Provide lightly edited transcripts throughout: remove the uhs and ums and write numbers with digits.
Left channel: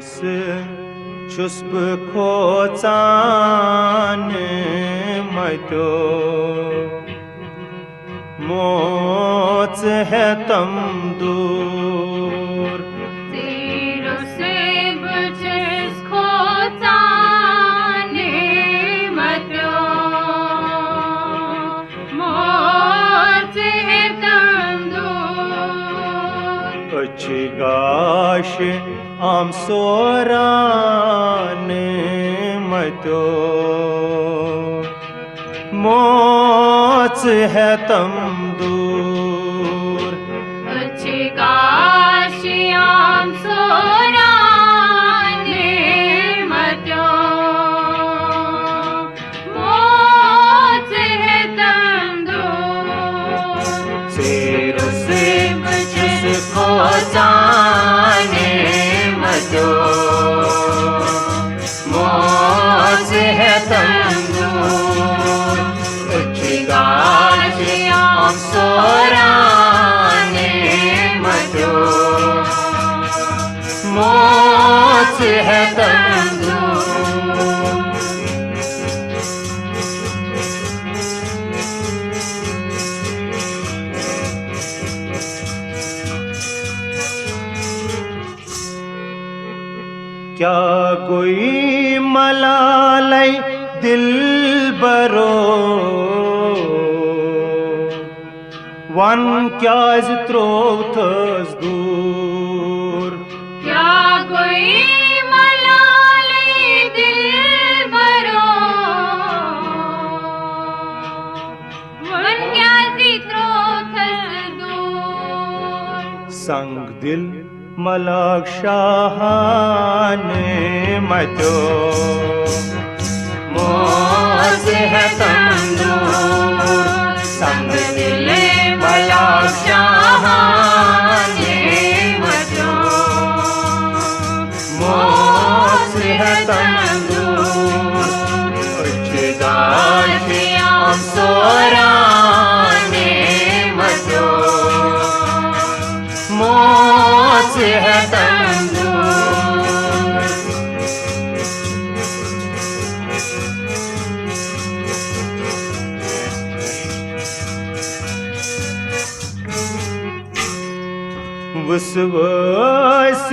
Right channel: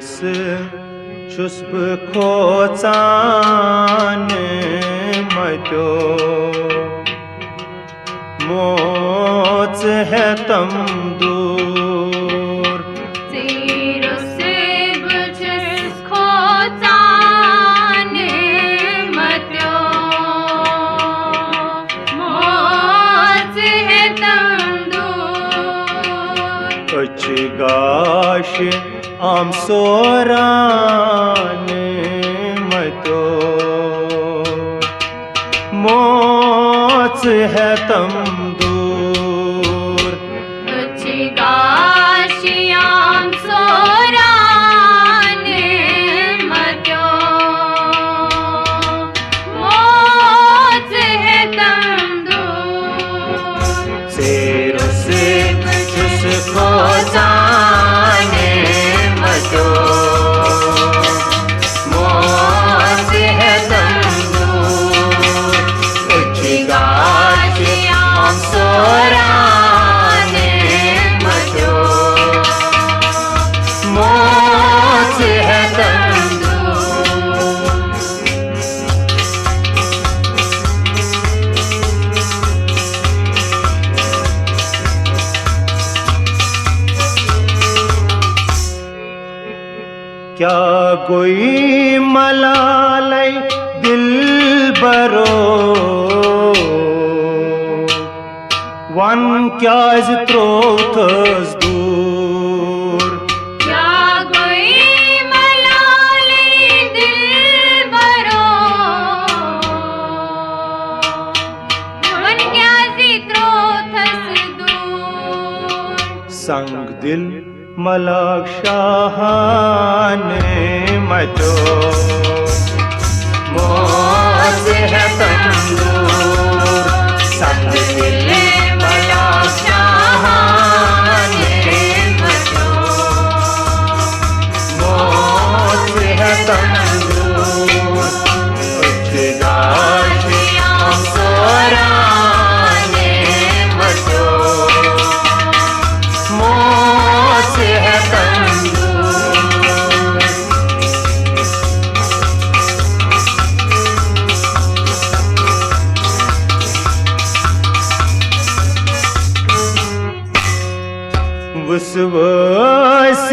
Seirus Chus bkhotsan matyo Mots hai tam dur Seirus chus bkhotsan matyo Mots hai tam dur Achigash am soran matyo Mots hai tam dur Achigash am soran matyo Mots hai tam dur Seirus chus bkhotsan matyo Mots hai tam dur Achigash am soran matyo Mots hai tam dur क्या कोई मलालै दिल बरो one क्या त्रोथस दूर क्या कोई मलाले Dilbaro one क्या त्रोथस दूर संग दिल मलाक शाहान मचो मोज है तम दूर संग दिल मलाक शाहान मचो मोज है तम दूर अचिगाश हम सोरान मचो मोच है तम दूर वसवस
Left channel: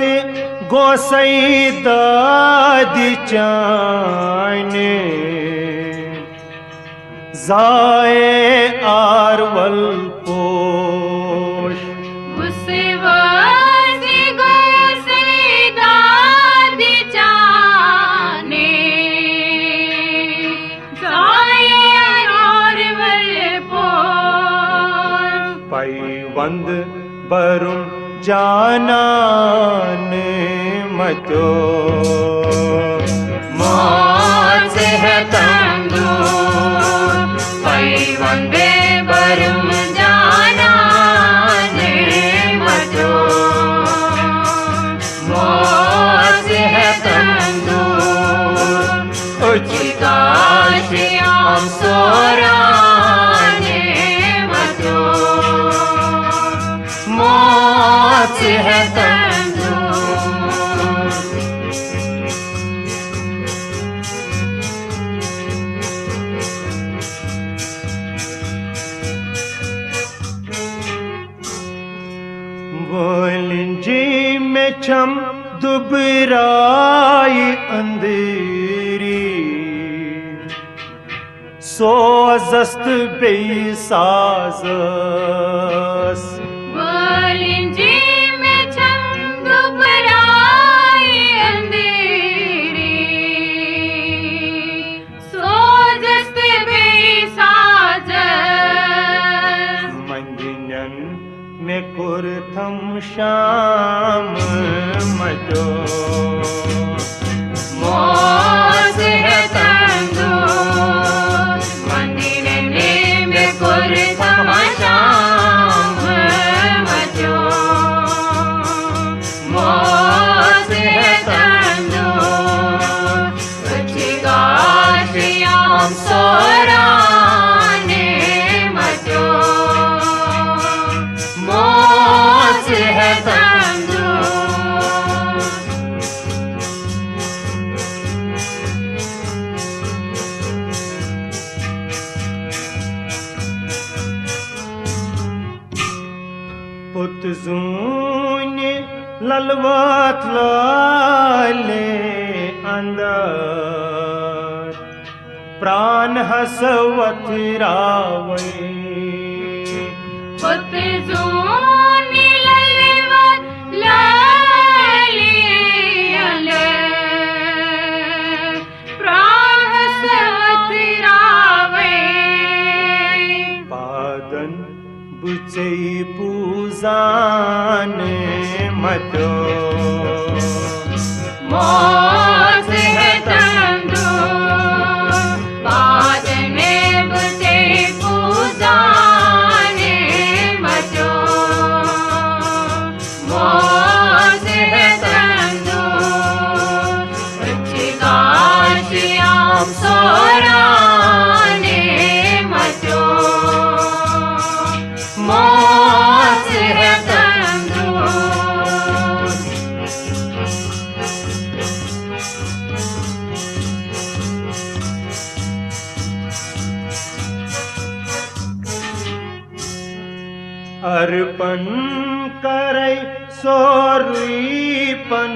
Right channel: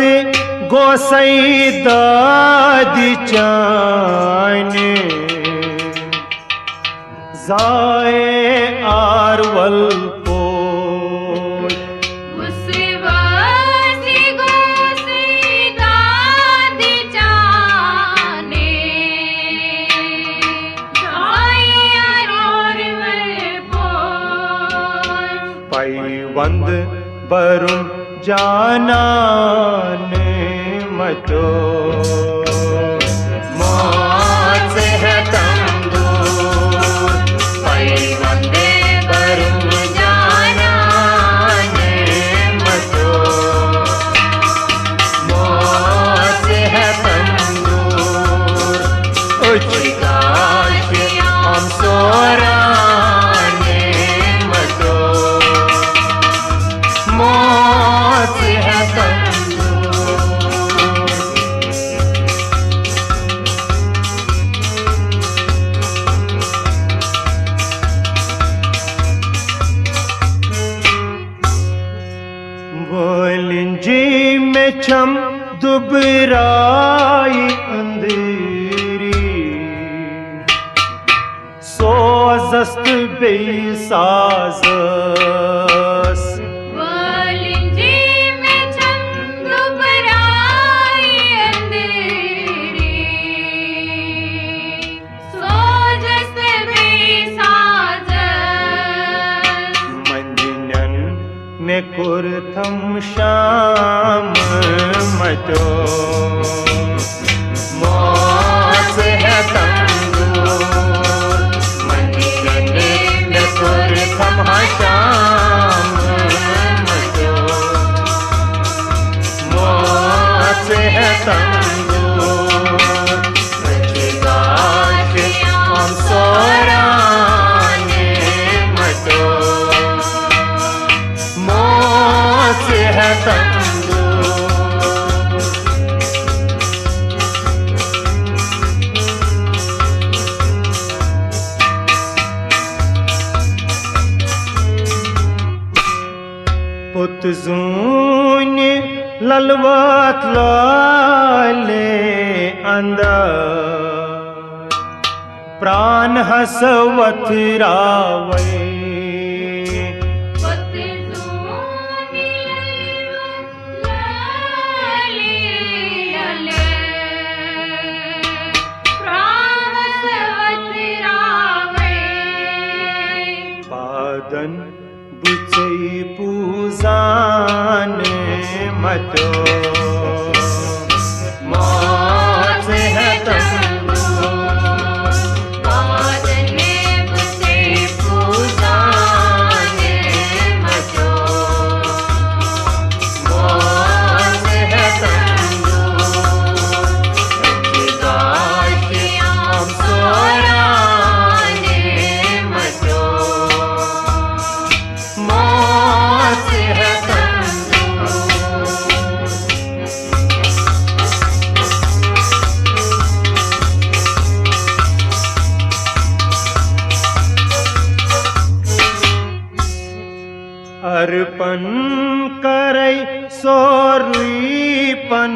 गोसाई दादी चाने जाए आरवल पोश पैवंद बरुम जानान मचो मोच है तम दूर पैवंद बरुम जानान मचो मोच है तम दूर उचिकाश हम सोरान मचो मोच है तम दूर बोलिंजी में छम दुबराई अंधेरी सोजस्त बेसाजस में कुरथम शाम मचो मोच है तम दूर मंदिरने में कुरथम शाम मचो मोच है तम दूर अचिगाश हम सोराने मचो मोच है तम दूर पुत जून ललवत लाले अंदर प्राण हसवत रावे बुचई पूजान मतो मौत है तंदूर बादने बुचई पूजान मतो मौत है तंदूर गाशिया हम सोराने मतो मौत है तंदूर अर्पण करई सोरुपन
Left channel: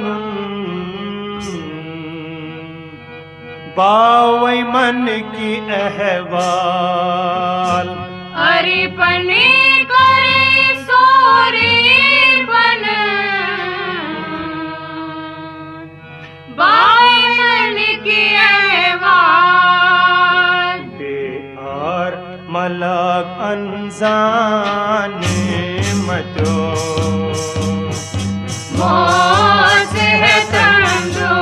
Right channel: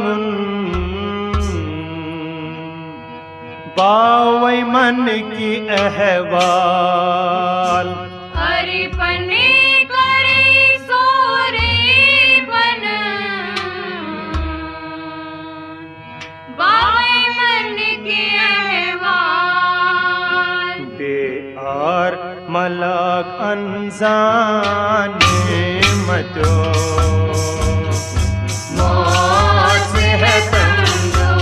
बावई मन की अहवाल अर्पण मलक अनजाने मतो मौत है तंदूर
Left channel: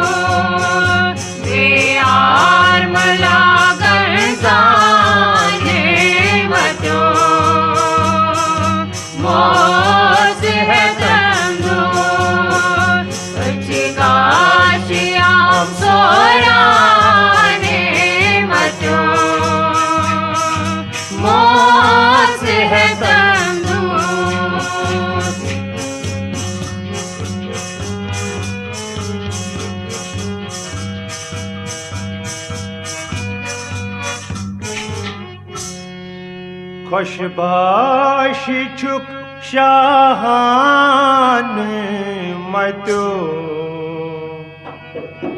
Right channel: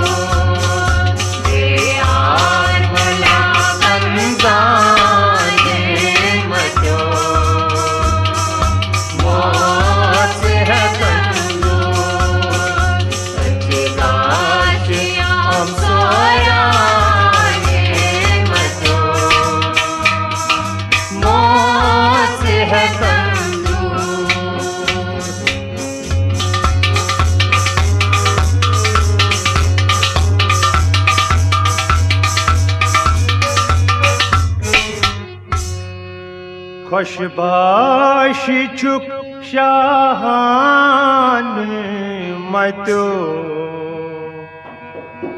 बेयार मलक अनजाने मतो मौत है तंदूर गाशिया हम सोराने मतो मौत है तंदूर खुशबाश चुक शाहान मतो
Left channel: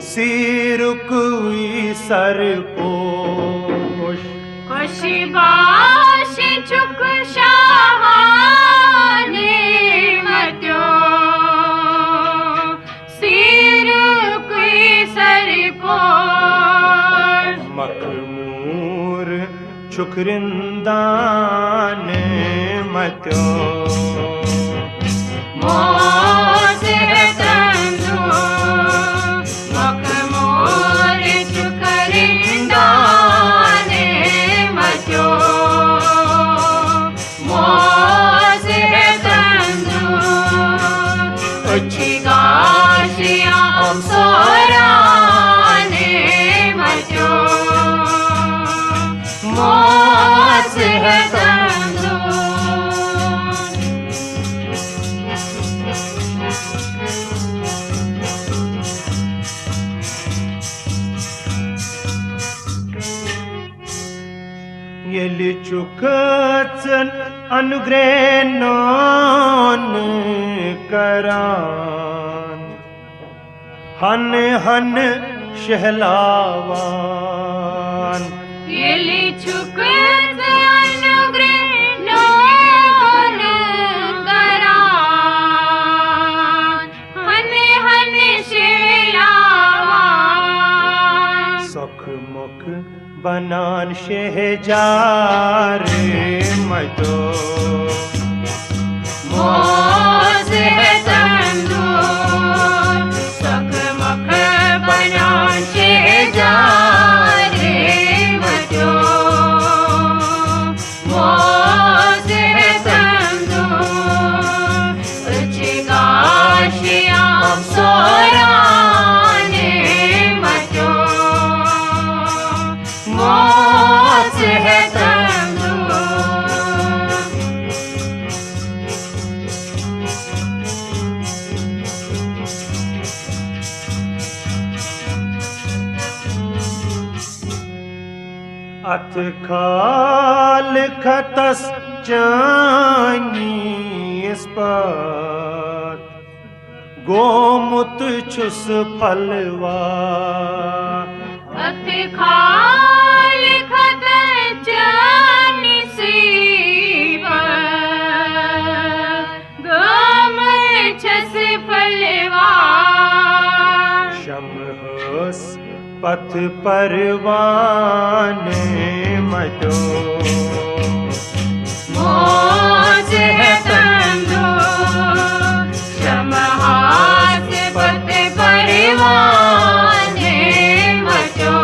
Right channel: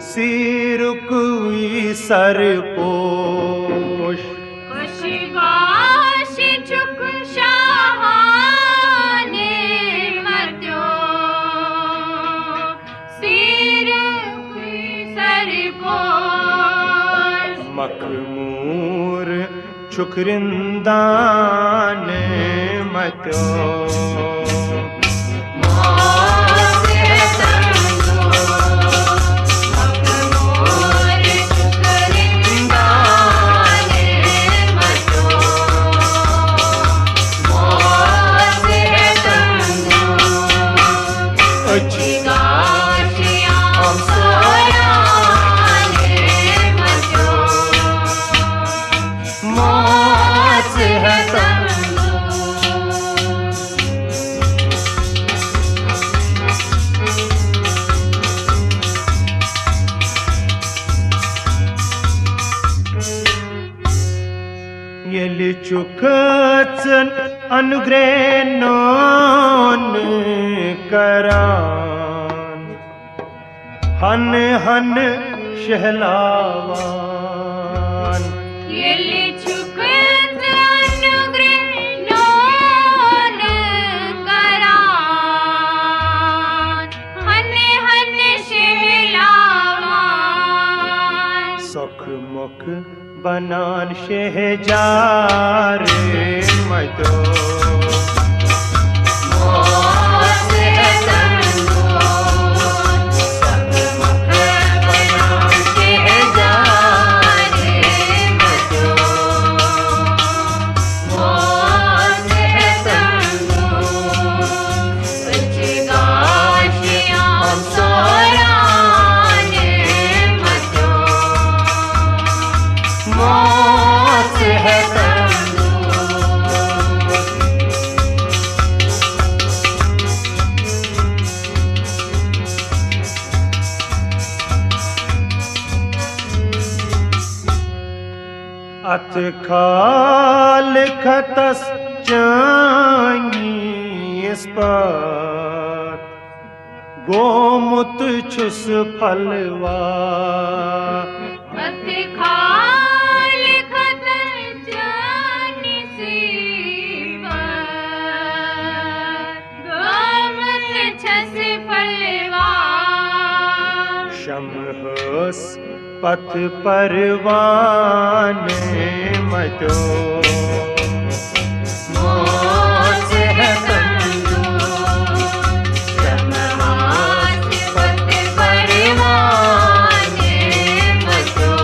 सिरुकुई सरपोश खुशबाश चुक शाहाने मतो सिरुकुई सरपोश मखमूर चुकरिंदान मतो मौत है तंदूर मखमूर चुकरिंदान मतो मौत है तंदूर गाशिया हम सोराने मतो मौत है तंदूर येली चुकचन अनुग्रह नोन करान हन हन शहलावान येली चुकचन अनुग्रह नोन करान हन हन शहलावान सुख मुख बनान शहजार मतो मौत है तंदूर सुख मुख बनान शहजार मतो मौत है तंदूर गाशिया हम सोराने मतो मौत है तंदूर अत खाल खतस चानी निस्पत गोमुत छुस फलवा मत खाल खत जानी सीवा गोमुत छुस फलवा शमहस पथ परवाने मचो मोच है तंदू समहास पथ परवाने मचो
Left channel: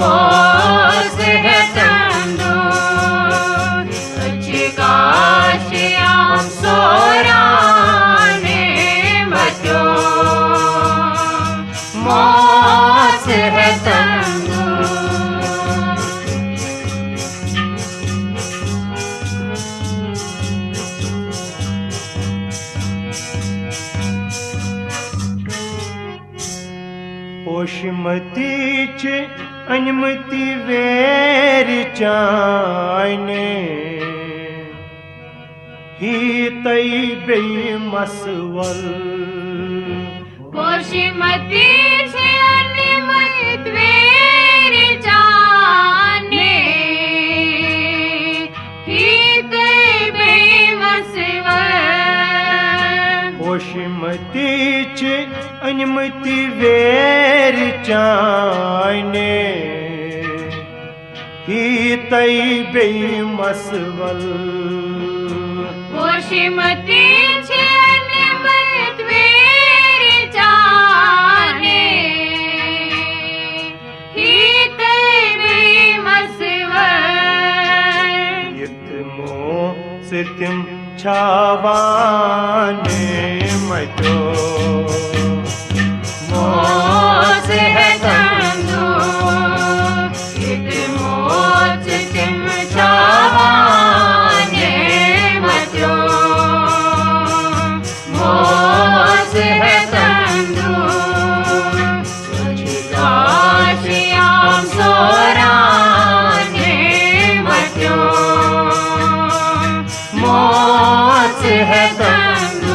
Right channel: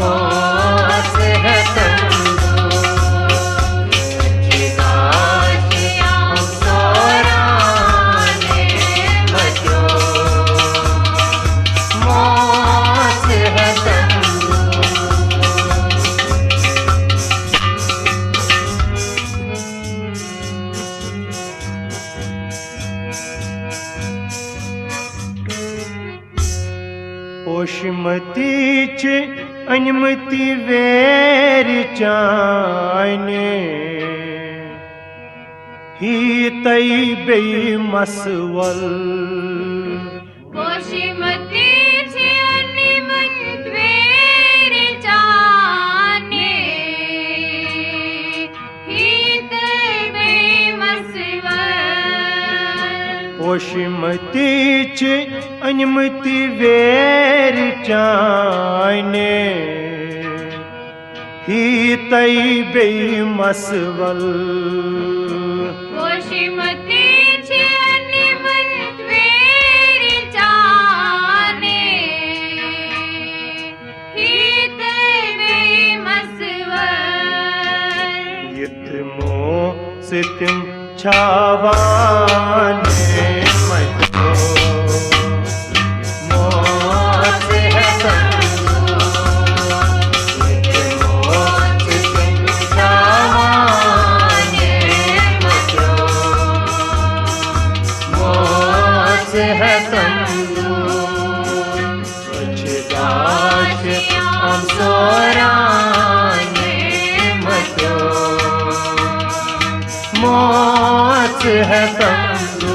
मोच है तंदू अच्छी गाशियां सोराने मचो मोच है तंदू पोषमती च अनमति वेर चाने ही तई बे मसवल पोषमती से अनिमत वेर जाने हित बेमसवर पोषमती च अनमति वेर चाने ही तई बे मसवल पोषमती से अनिमत वेर जाने हित बेमसवर यत मो सितिम छावाने मचो मोच है तंदू एक मोच सिंह छावाने मचो मोच है तंदू गाशियां सोराने मचो मोच है तंदू